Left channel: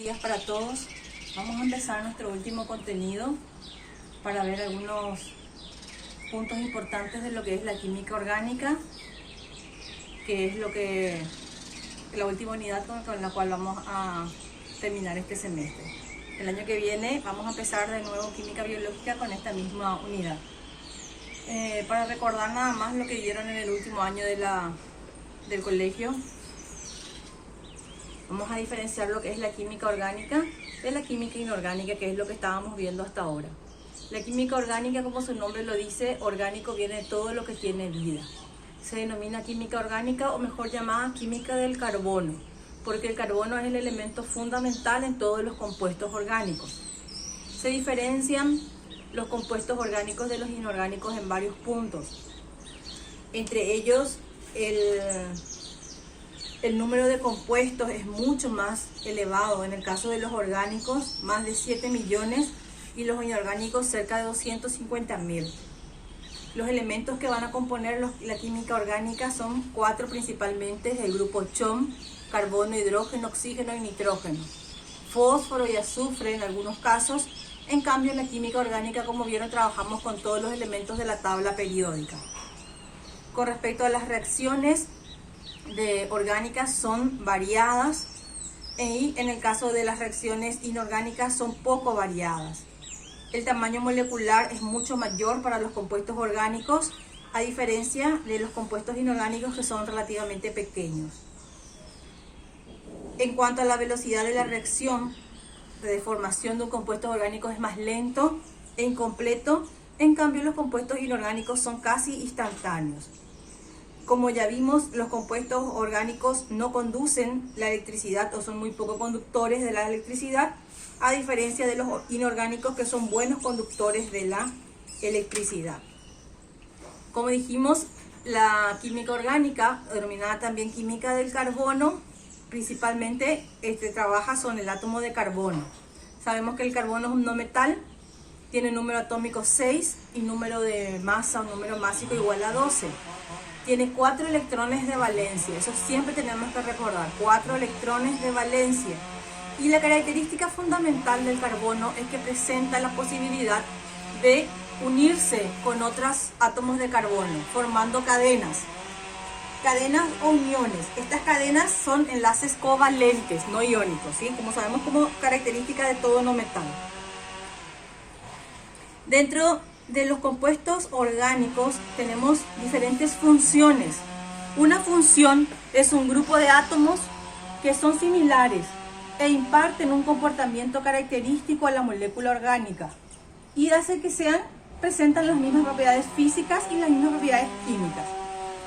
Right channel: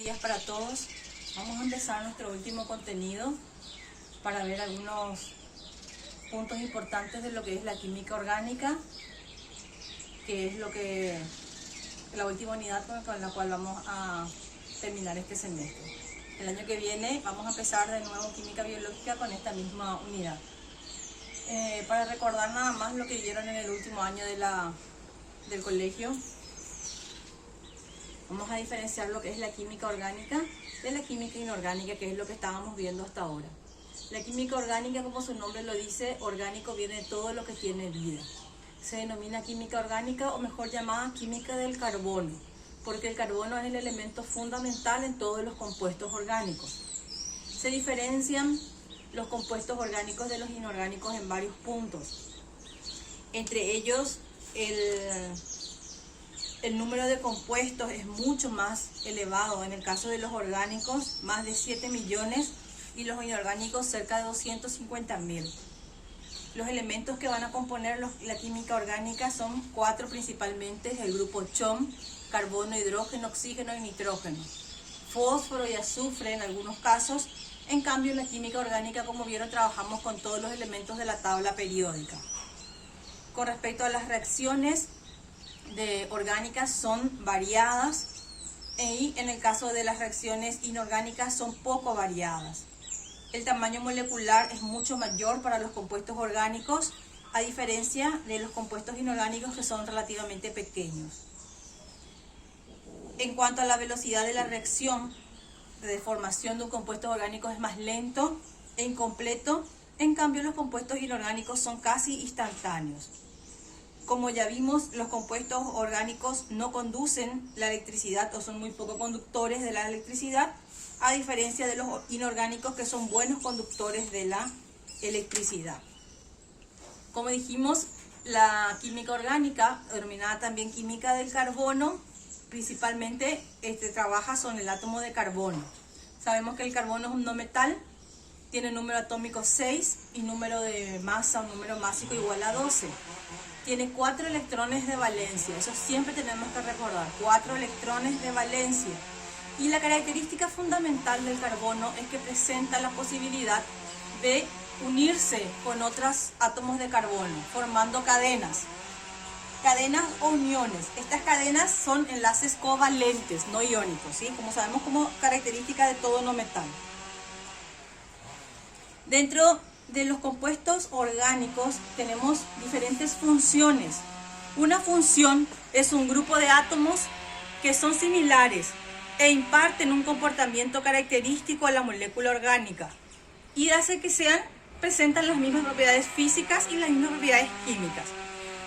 Días para todos. Vamos a empezar nuestro último contenido para ver algunos puntos importantes de lo que es la química orgánica, que es la última unidad con la cual vamos a terminar este semestre. El año que viene vamos a empezar de nuevo química biológica con esta misma unidad. Para recordar nada más lo que vieron en el último año del colegio, vamos a diferenciar lo que es la química orgánica de la química inorgánica, que es lo que estábamos viendo hasta ahora. La química orgánica, como su nombre lo dice, orgánico viene de todo lo que tiene vida. Se denomina química orgánica, o mejor llamada química del carbono, porque el carbono es el elemento fundamental en todos los compuestos orgánicos. Se diferencian los compuestos orgánicos de los inorgánicos en varios puntos. Entre ellos, el número de compuestos es mucho más elevado. En el caso de los orgánicos, más de 7 millones, y los inorgánicos cerca de 250.000. Los elementos que van a componer la química orgánica son 4 principalmente, el grupo CHOM: carbono, hidrógeno, oxígeno y nitrógeno. Fósforo y azufre en algunos casos. En cambio, en la química orgánica, como vieron, trabajamos con todos los elementos de la tabla periódica. Con respecto a las reacciones orgánicas, son variadas, y en el caso de las reacciones inorgánicas son poco variadas. El tamaño molecular es mucho mayor para los compuestos orgánicos, a diferencia de los compuestos inorgánicos, que son relativamente pequeños. En cuanto a la velocidad de la reacción de formación de un compuesto orgánico, es más lento e incompleto. En cambio, los compuestos inorgánicos son casi instantáneos. Como ya vimos, los compuestos orgánicos no conducen la electricidad, o son muy poco conductores de la electricidad, a diferencia de los inorgánicos, que son buenos conductores de la electricidad. Como dijimos, la química orgánica, denominada también química del carbono, principalmente trabaja con el átomo de carbono. Sabemos que el carbono es un no metal, tiene número atómico 6 y número de masa, un número másico igual a 12. Tiene 4 electrones de valencia, eso siempre tenemos que recordar, 4 electrones de valencia. Y la característica fundamental del carbono es que presenta la posibilidad de unirse con otros átomos de carbono, formando cadenas o uniones. Estas cadenas son enlaces covalentes, no iónicos, ¿sí? Como sabemos, como característica de todo no metal. Dentro de los compuestos orgánicos tenemos diferentes funciones. Una función es un grupo de átomos que son similares e imparten un comportamiento característico a la molécula orgánica, y hace que presentan las mismas propiedades físicas y las mismas propiedades químicas.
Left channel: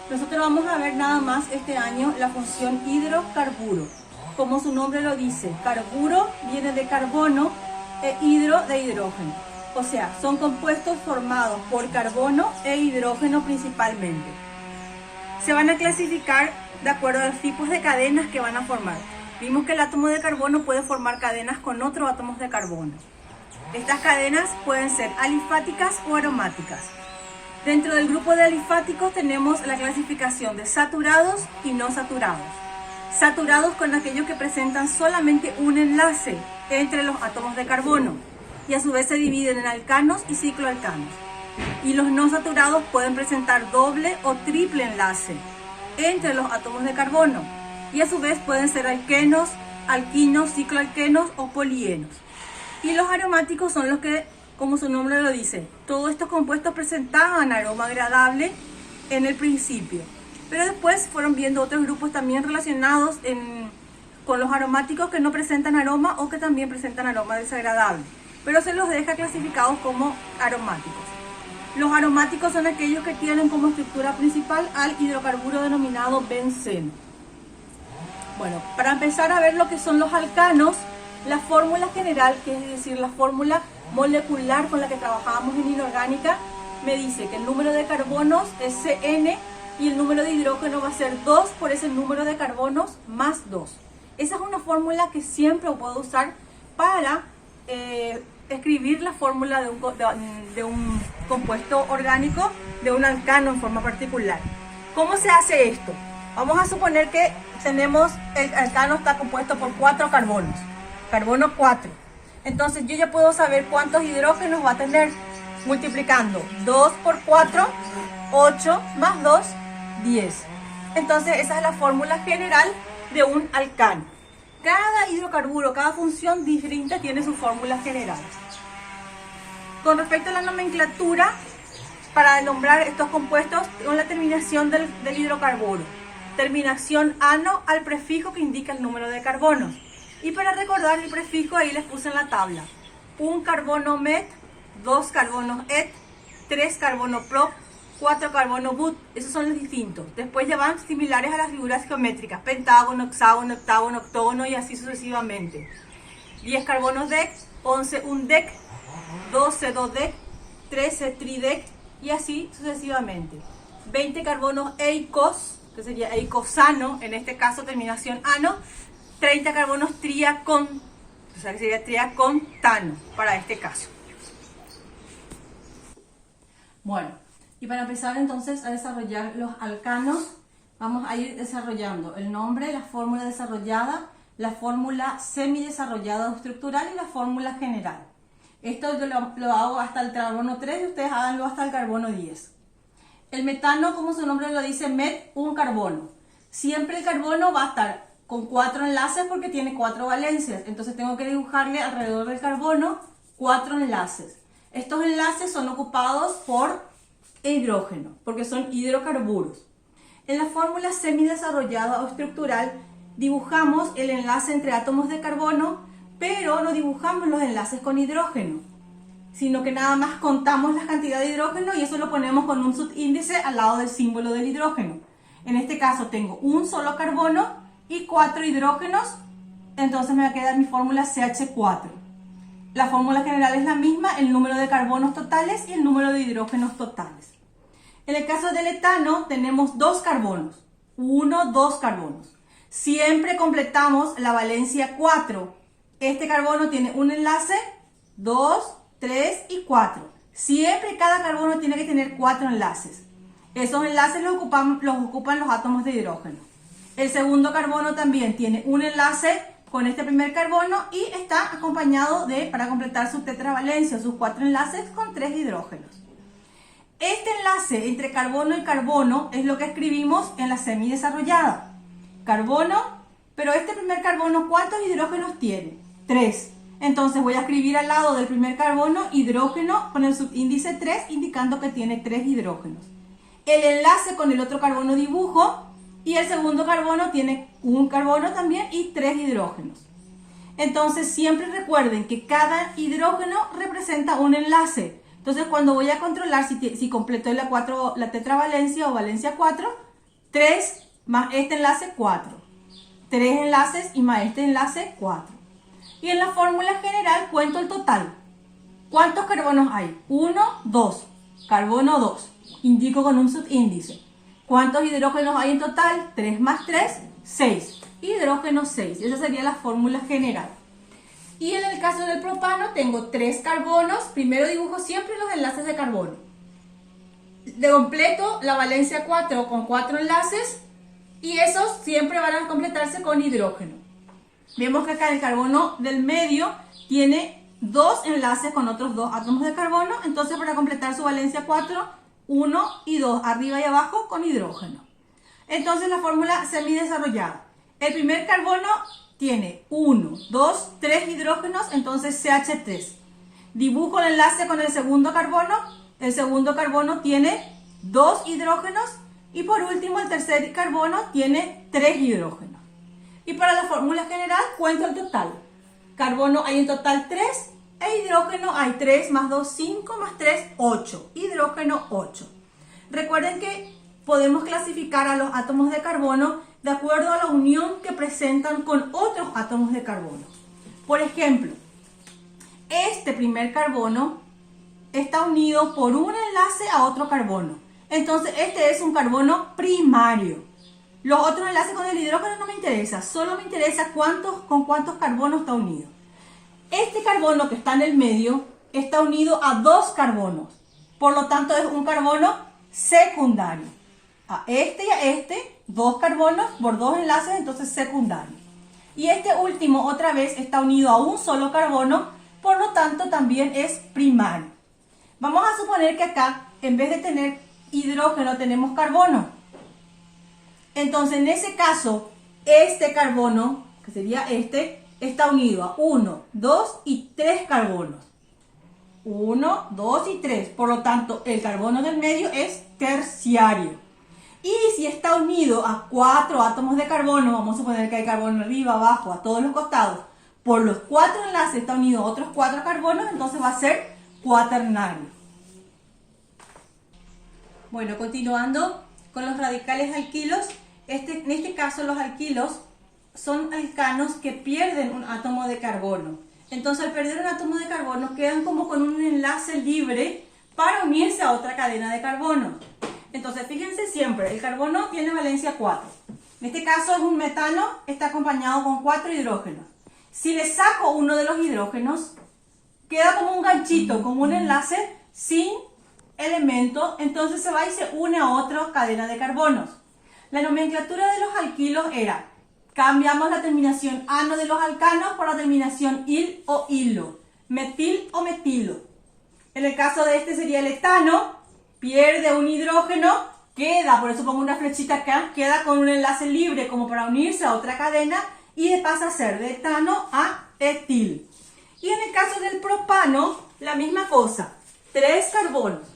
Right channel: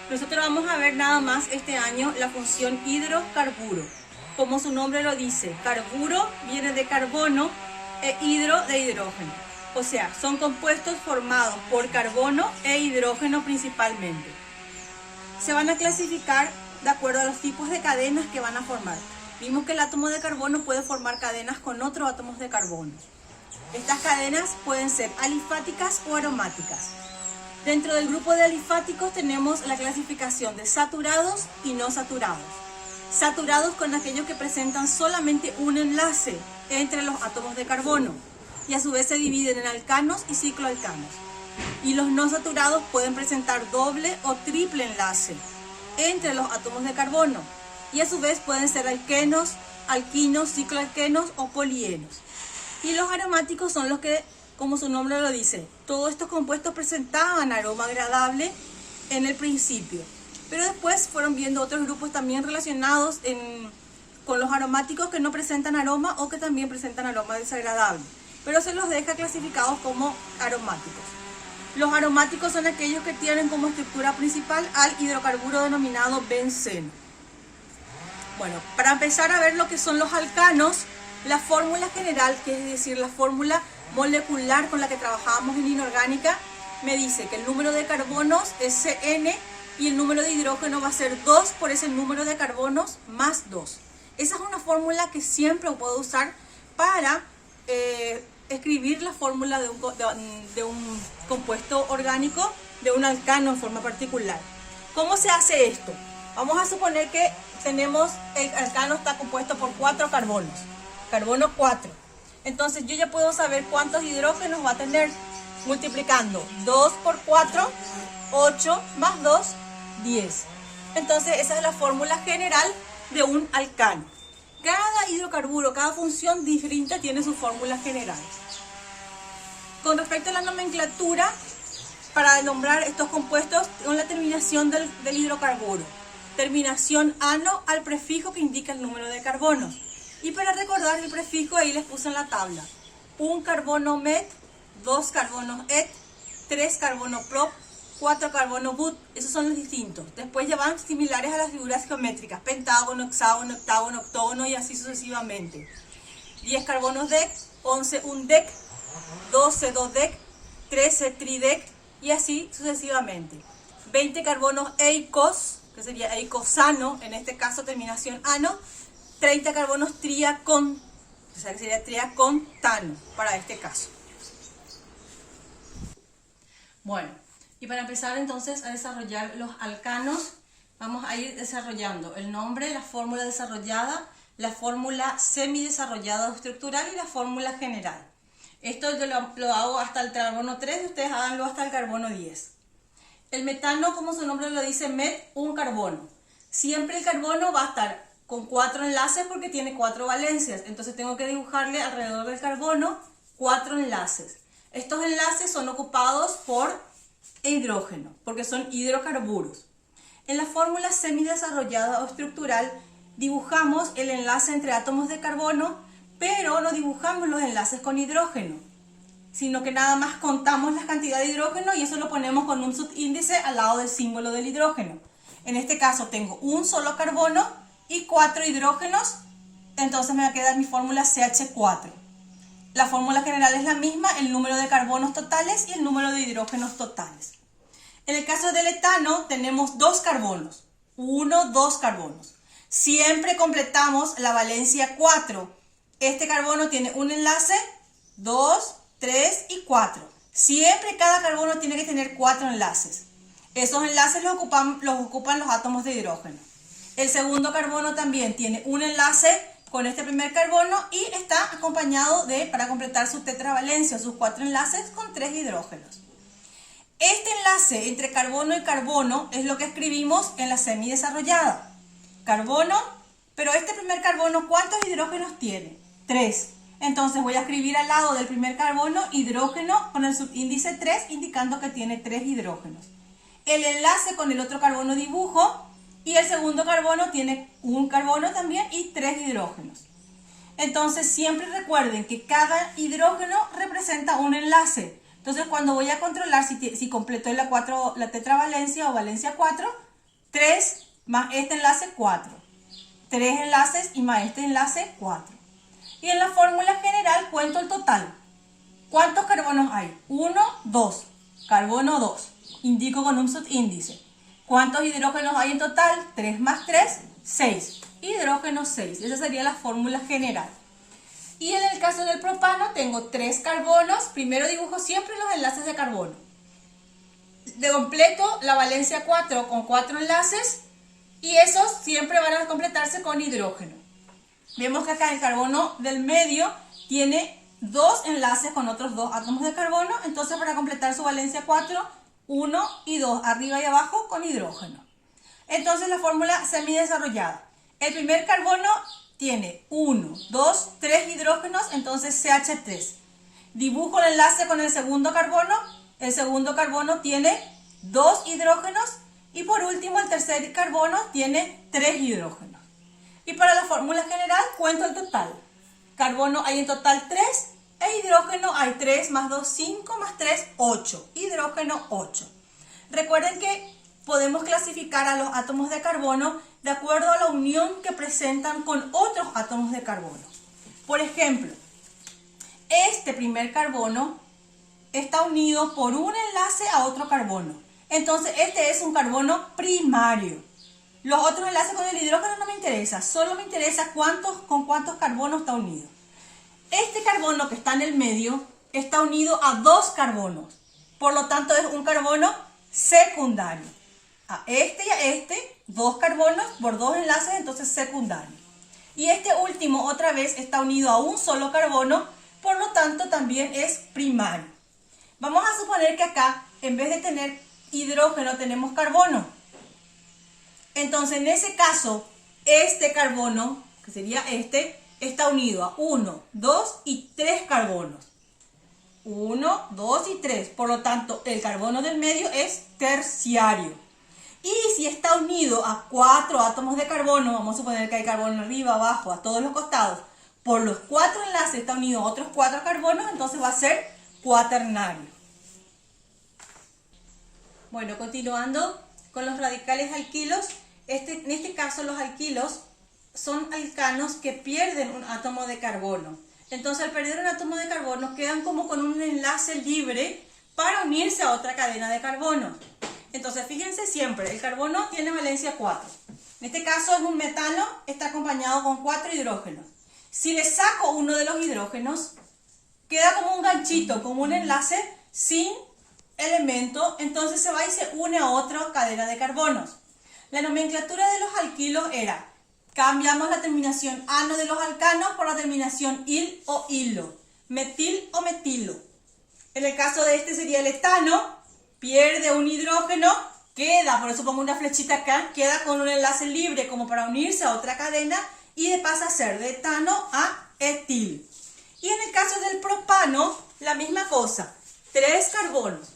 Nosotros vamos a ver nada más este año la función hidrocarburo. Como su nombre lo dice, carburo viene de carbono e hidro de hidrógeno. O sea, son compuestos formados por carbono e hidrógeno principalmente. Se van a clasificar de acuerdo a los tipos de cadenas que van a formar. Vimos que el átomo de carbono puede formar cadenas con otros átomos de carbono. Estas cadenas pueden ser alifáticas o aromáticas. Dentro del grupo de alifáticos tenemos la clasificación de saturados y no saturados. Saturados con aquellos que presentan solamente un enlace entre los átomos de carbono, y a su vez se dividen en alcanos y cicloalcanos. Y los no saturados pueden presentar doble o triple enlace entre los átomos de carbono, y a su vez pueden ser alquenos, alquinos, cicloalquenos o polienos. Y los aromáticos son los que, como su nombre lo dice, todos estos compuestos presentaban aroma agradable en el principio, pero después fueron viendo otros grupos también relacionados con los aromáticos, que no presentan aroma o que también presentan aroma desagradable, pero se los deja clasificados como aromáticos. Los aromáticos son aquellos que tienen como estructura principal al hidrocarburo denominado benceno. Bueno, para empezar a ver lo que son los alcanos, la fórmula general, que es decir, la fórmula molecular con la que trabajábamos en inorgánica, me dice que el número de carbonos es CN y el número de hidrógeno va a ser 2 por ese número de carbonos más 2. Esa es una fórmula que siempre puedo usar para escribir la fórmula de un compuesto orgánico, de un alcano en forma particular. ¿Cómo se hace esto? Vamos a suponer que el alcano está compuesto por 4 carbonos. carbono 4. Entonces yo ya puedo saber cuántos hidrógenos va a tener multiplicando 2 por 4, 8 más 2, 10. Entonces esa es la fórmula general de un alcano. Cada hidrocarburo, cada función distinta tiene su fórmula general. Con respecto a la nomenclatura, para nombrar estos compuestos con la terminación del hidrocarburo. Terminación ano al prefijo que indica el número de carbonos. Y para recordar el prefijo, ahí les puse en la tabla. Un carbono met, 2 carbonos et, 3 carbono prop, 4 carbono but. Esos son los distintos. Después ya van similares a las figuras geométricas. Pentágono, hexágono, octágono, octógono y así sucesivamente. 10 carbonos dec, 11 un dec, 12 dodec, 13 tridec y así sucesivamente. 20 carbonos eicos, que sería eicosano, en este caso terminación ano. 30 carbonos triacon, o sea que sería triacontano para este caso. Bueno, y para empezar entonces a desarrollar los alcanos, vamos a ir desarrollando el nombre, la fórmula desarrollada, la fórmula semidesarrollada o estructural y la fórmula general. Esto yo lo hago hasta el carbono 3 y ustedes háganlo hasta el carbono 10. El metano, como su nombre lo dice, met, un carbono. Siempre el carbono va a estar con 4 enlaces porque tiene 4 valencias. Entonces tengo que dibujarle alrededor del carbono 4 enlaces. Estos enlaces son ocupados por hidrógeno, porque son hidrocarburos. En la fórmula semidesarrollada o estructural dibujamos el enlace entre átomos de carbono, pero no dibujamos los enlaces con hidrógeno, sino que nada más contamos la cantidad de hidrógeno y eso lo ponemos con un subíndice al lado del símbolo del hidrógeno. En este caso tengo un solo carbono y 4 hidrógenos, entonces me va a quedar mi fórmula CH4. La fórmula general es la misma, el número de carbonos totales y el número de hidrógenos totales. En el caso del etano tenemos 2 carbonos, 1, 2 carbonos. Siempre completamos la valencia 4. Este carbono tiene un enlace, 2, 3 y 4. Siempre cada carbono tiene que tener 4 enlaces. Esos enlaces los ocupan los átomos de hidrógeno. El segundo carbono también tiene un enlace con este primer carbono y está acompañado de, para completar su tetravalencia, sus 4 enlaces con 3 hidrógenos. Este enlace entre carbono y carbono es lo que escribimos en la semidesarrollada. Carbono, pero este primer carbono, ¿cuántos hidrógenos tiene? 3. Entonces voy a escribir al lado del primer carbono hidrógeno con el subíndice 3 indicando que tiene 3 hidrógenos. El enlace con el otro carbono dibujo y el segundo carbono tiene un carbono también y 3 hidrógenos. Entonces siempre recuerden que cada hidrógeno representa un enlace. Entonces cuando voy a controlar si completo la tetravalencia o valencia 4, 3 más este enlace 4. 3 enlaces y más este enlace 4. Y en la fórmula general cuento el total. ¿Cuántos carbonos hay? 1, 2. Carbono 2. Indico con un subíndice. ¿Cuántos hidrógenos hay en total? 3 más 3, 6. Hidrógeno 6. Esa sería la fórmula general. Y en el caso del propano tengo 3 carbonos. Primero dibujo siempre los enlaces de carbono. De completo la valencia 4 con 4 enlaces y esos siempre van a completarse con hidrógeno. Vemos que acá el carbono del medio tiene 2 enlaces con otros 2 átomos de carbono. Entonces para completar su valencia 4, 1 y 2 arriba y abajo con hidrógeno. Entonces la fórmula semidesarrollada. El primer carbono tiene 1, 2, 3 hidrógenos, entonces CH3. Dibujo el enlace con el segundo carbono. El segundo carbono tiene 2 hidrógenos y por último el tercer carbono tiene 3 hidrógenos. Y para la fórmula general cuento el total. Carbono hay en total 3 e hidrógeno hay 3 más 2, 5 más 3, 8. Hidrógeno 8. Recuerden que podemos clasificar a los átomos de carbono de acuerdo a la unión que presentan con otros átomos de carbono. Por ejemplo, este primer carbono está unido por un enlace a otro carbono. Entonces este es un carbono primario. Los otros enlaces con el hidrógeno no me interesa, solo me interesa con cuántos carbonos está unido. Este carbono que está en el medio está unido a 2 carbonos, por lo tanto es un carbono secundario. A este y a este, 2 carbonos por 2 enlaces, entonces secundario. Y este último otra vez está unido a un solo carbono, por lo tanto también es primario. Vamos a suponer que acá, en vez de tener hidrógeno, tenemos carbono. Entonces, en ese caso, este carbono, que sería este, está unido a 1, 2 y 3 carbonos. 1, 2 y 3. Por lo tanto, el carbono del medio es terciario. Y si está unido a 4 átomos de carbono, vamos a suponer que hay carbono arriba, abajo, a todos los costados, por los 4 enlaces está unido a otros 4 carbonos, entonces va a ser cuaternario. Bueno, continuando con los radicales alquilos, en este caso los alquilos son alcanos que pierden un átomo de carbono. Entonces, al perder un átomo de carbono, quedan como con un enlace libre para unirse a otra cadena de carbono. Entonces, fíjense siempre, el carbono tiene valencia 4. En este caso es un metano, está acompañado con 4 hidrógenos. Si le saco uno de los hidrógenos, queda como un ganchito, como un enlace sin elemento, entonces se va y se une a otra cadena de carbonos. La nomenclatura de los alquilos era, cambiamos la terminación ano de los alcanos por la terminación il o hilo, metil o metilo. En el caso de este sería el etano, pierde un hidrógeno, queda, por eso pongo una flechita acá, queda con un enlace libre como para unirse a otra cadena y pasa a ser de etano a etil. Y en el caso del propano, la misma cosa, 3 carbonos.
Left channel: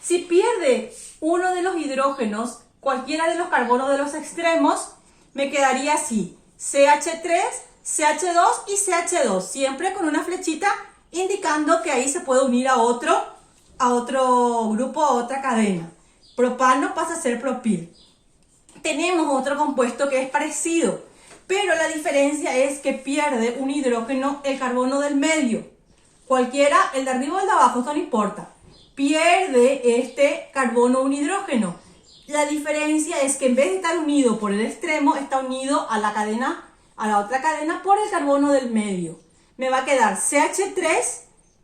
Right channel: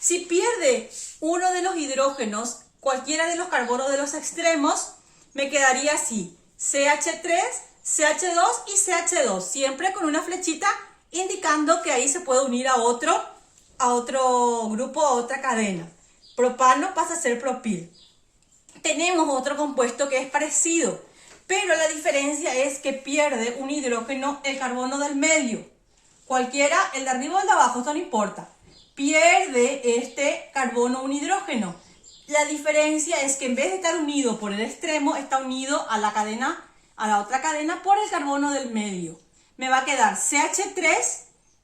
Si pierde uno de los hidrógenos, cualquiera de los carbonos de los extremos, me quedaría así, CH3, CH2 y CH2, siempre con una flechita indicando que ahí se puede unir a otro grupo, a otra cadena. Propano pasa a ser propil. Tenemos otro compuesto que es parecido, pero la diferencia es que pierde un hidrógeno el carbono del medio. Cualquiera, el de arriba o el de abajo, esto no importa. Pierde este carbono un hidrógeno. La diferencia es que en vez de estar unido por el extremo, está unido a la otra cadena por el carbono del medio. Me va a quedar CH3,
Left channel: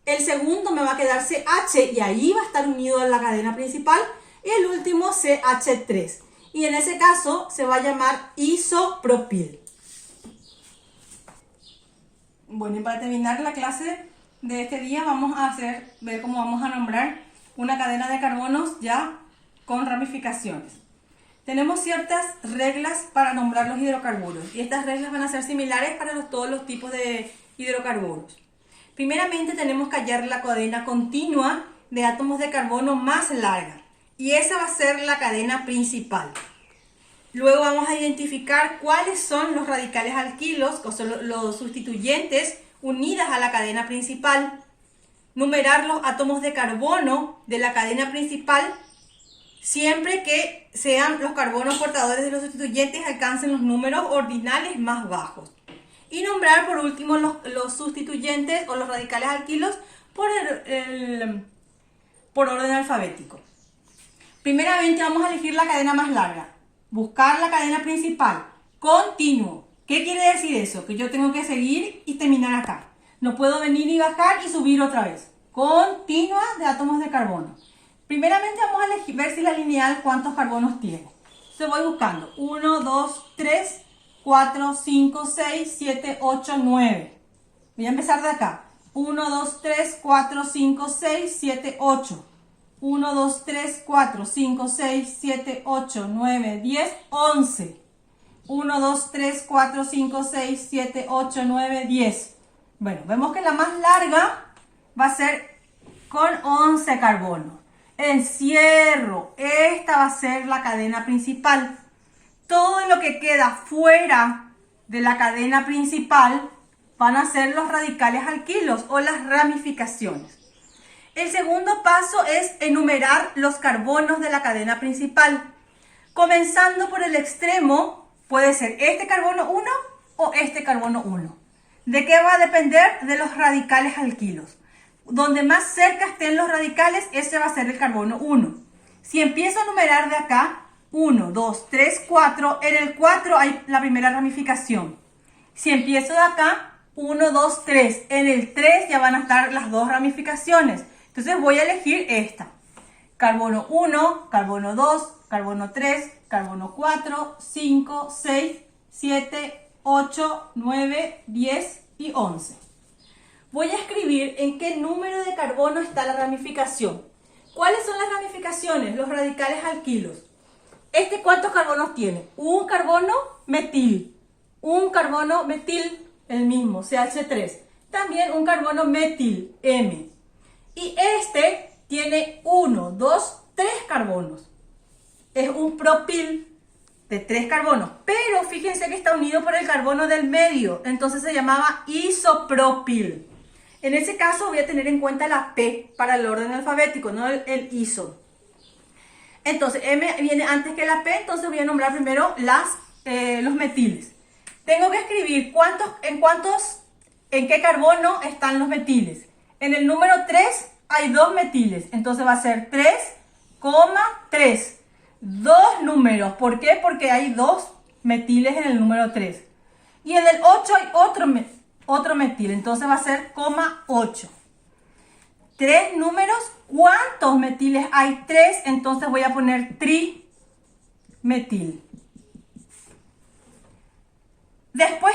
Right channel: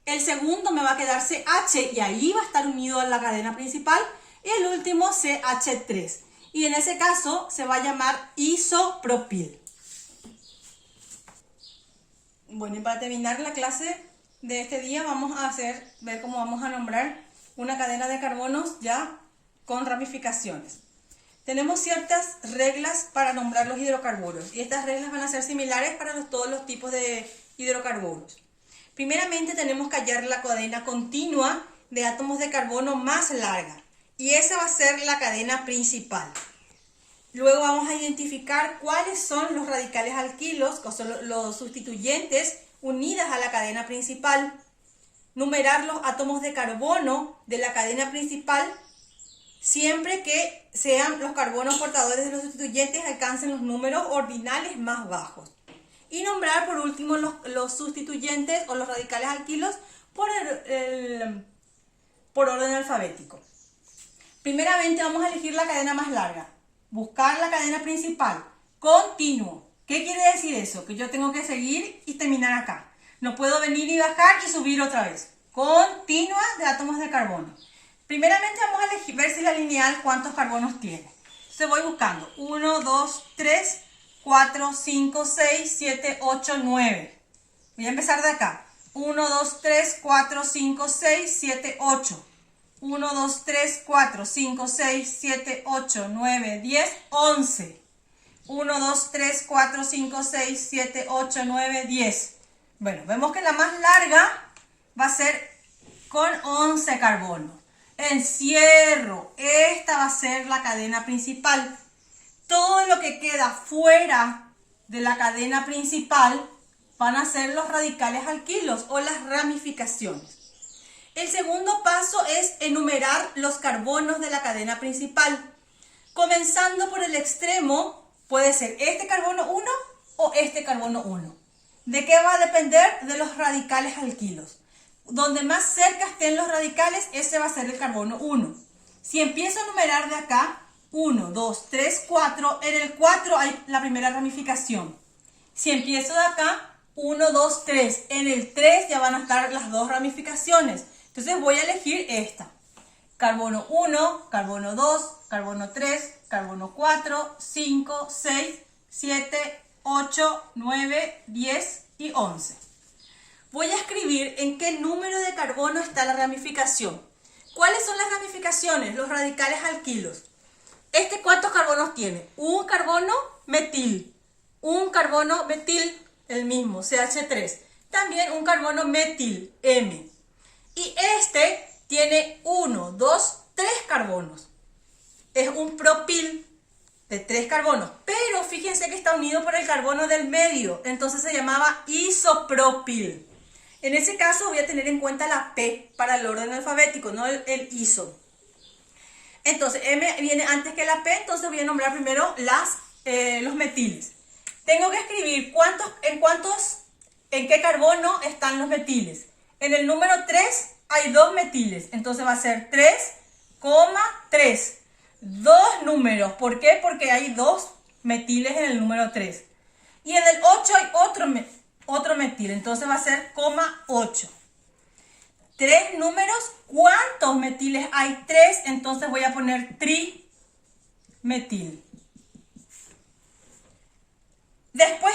el segundo me va a quedar CH y ahí va a estar unido a la cadena principal, y el último CH3. Y en ese caso se va a llamar isopropil. Bueno, y para terminar la clase de este día vamos a ver cómo vamos a nombrar una cadena de carbonos ya con ramificaciones. Tenemos ciertas reglas para nombrar los hidrocarburos y estas reglas van a ser similares para todos los tipos de hidrocarburos. Primeramente tenemos que hallar la cadena continua de átomos de carbono más larga y esa va a ser la cadena principal. Luego vamos a identificar cuáles son los radicales alquilos, que son los sustituyentes unidas a la cadena principal. Numerar los átomos de carbono de la cadena principal siempre que sean los carbonos portadores de los sustituyentes alcancen los números ordinales más bajos. Y nombrar por último los sustituyentes o los radicales alquilos por orden alfabético. Primeramente vamos a elegir la cadena más larga. Buscar la cadena principal. Continuo. ¿Qué quiere decir eso? Que yo tengo que seguir y terminar acá. No puedo venir y bajar y subir otra vez. Continua de átomos de carbono. Primeramente vamos a elegir, ver si la lineal cuántos carbonos tiene. Entonces voy buscando. 1, 2, 3, 4, 5, 6, 7, 8, 9. Voy a empezar de acá. 1, 2, 3, 4, 5, 6, 7, 8. 1, 2, 3, 4, 5, 6, 7, 8, 9, 10, 11. 1, 2, 3, 4, 5, 6, 7, 8, 9, 10. Bueno, vemos que la más larga va a ser con 11 carbonos. Encierro. Esta va a ser la cadena principal. Todo lo que queda fuera de la cadena principal van a ser los radicales alquilos o las ramificaciones. El segundo paso es enumerar los carbonos de la cadena principal. Comenzando por el extremo, puede ser este carbono 1 o este carbono 1. ¿De qué va a depender? De los radicales alquilos. Donde más cerca estén los radicales, ese va a ser el carbono 1. Si empiezo a numerar de acá, 1, 2, 3, 4, en el 4 hay la primera ramificación. Si empiezo de acá, 1, 2, 3, en el 3 ya van a estar las dos ramificaciones. Entonces voy a elegir esta. Carbono 1, carbono 2, carbono 3, carbono 4, 5, 6, 7, 8, 9, 10 y 11. Voy a escribir en qué número de carbono está la ramificación. ¿Cuáles son las ramificaciones? Los radicales alquilos. ¿Cuántos carbonos tiene? Un carbono metil. Un carbono metil, el mismo, CH3. También un carbono metil, M. Y tiene 1, 2, 3 carbonos. Es un propil de 3 carbonos. Pero fíjense que está unido por el carbono del medio. Entonces se llamaba isopropil. En ese caso voy a tener en cuenta la P para el orden alfabético, no el iso. Entonces M viene antes que la P, entonces voy a nombrar primero los metiles. Tengo que escribir en qué carbono están los metiles. En el número 3 hay 2 metiles, entonces va a ser 3,3. 2 números, ¿por qué? Porque hay 2 metiles en el número 3. Y en el 8 hay otro metil, entonces va a ser 8. 3 números, ¿cuántos metiles hay? 3, entonces voy a poner trimetil. Después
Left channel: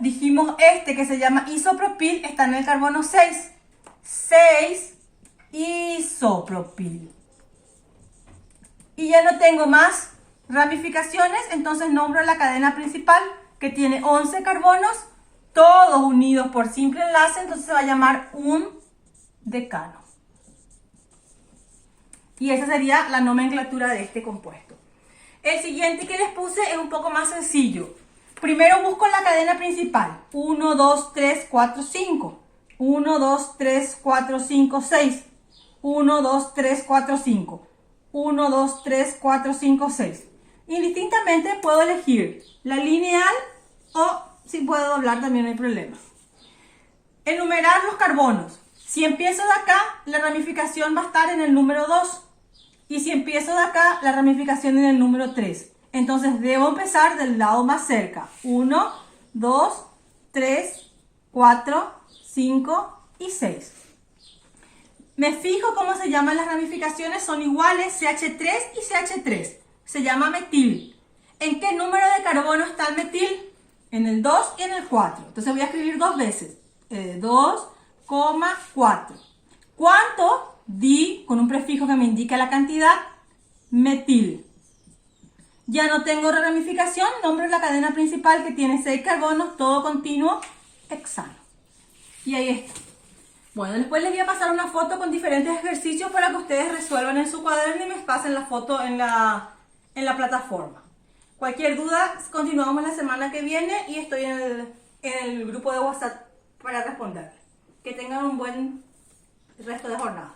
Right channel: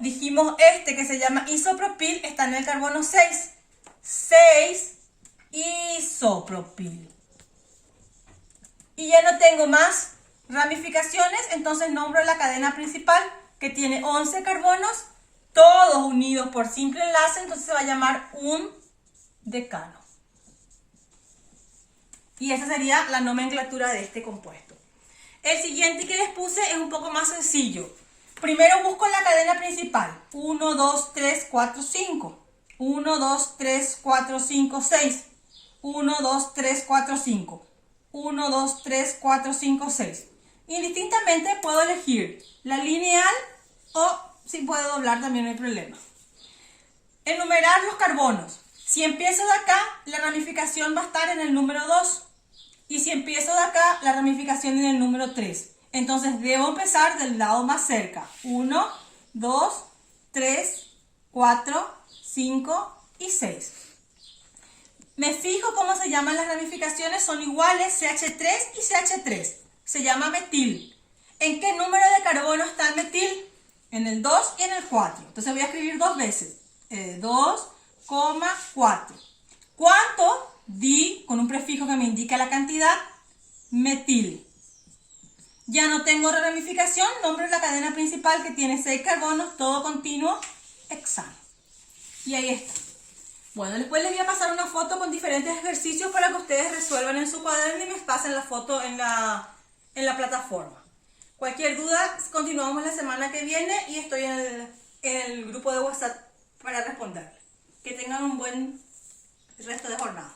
dijimos que se llama isopropil, está en el carbono 6. 6 isopropil. Y ya no tengo más ramificaciones, entonces nombro la cadena principal que tiene 11 carbonos, todos unidos por simple enlace, entonces se va a llamar un decano. Y esa sería la nomenclatura de este compuesto. El siguiente que les puse es un poco más sencillo. Primero busco la cadena principal. 1, 2, 3, 4, 5. 1, 2, 3, 4, 5, 6. 1, 2, 3, 4, 5. 1, 2, 3, 4, 5, 6. Indistintamente puedo elegir la lineal o si puedo doblar también no hay problema. Enumerar los carbonos. Si empiezo de acá, la ramificación va a estar en el número 2. Y si empiezo de acá, la ramificación en el número 3. Entonces debo empezar del lado más cerca. 1, 2, 3, 4, 5 y 6. Me fijo cómo se llaman las ramificaciones, son iguales, CH3 y CH3. Se llama metil. ¿En qué número de carbono está el metil? En el 2 y en el 4. Entonces voy a escribir 2 veces. 2,4. ¿Cuánto? Di, con un prefijo que me indica la cantidad, metil. Ya no tengo ramificación, nombro la cadena principal que tiene 6 carbonos, todo continuo, hexano. Y ahí está. Bueno, después les voy a pasar una foto con diferentes ejercicios para que ustedes resuelvan en su cuaderno y me pasen la foto en la plataforma. Cualquier duda, continuamos la semana que viene y estoy en el grupo de WhatsApp para responder. Que tengan un buen resto de jornada.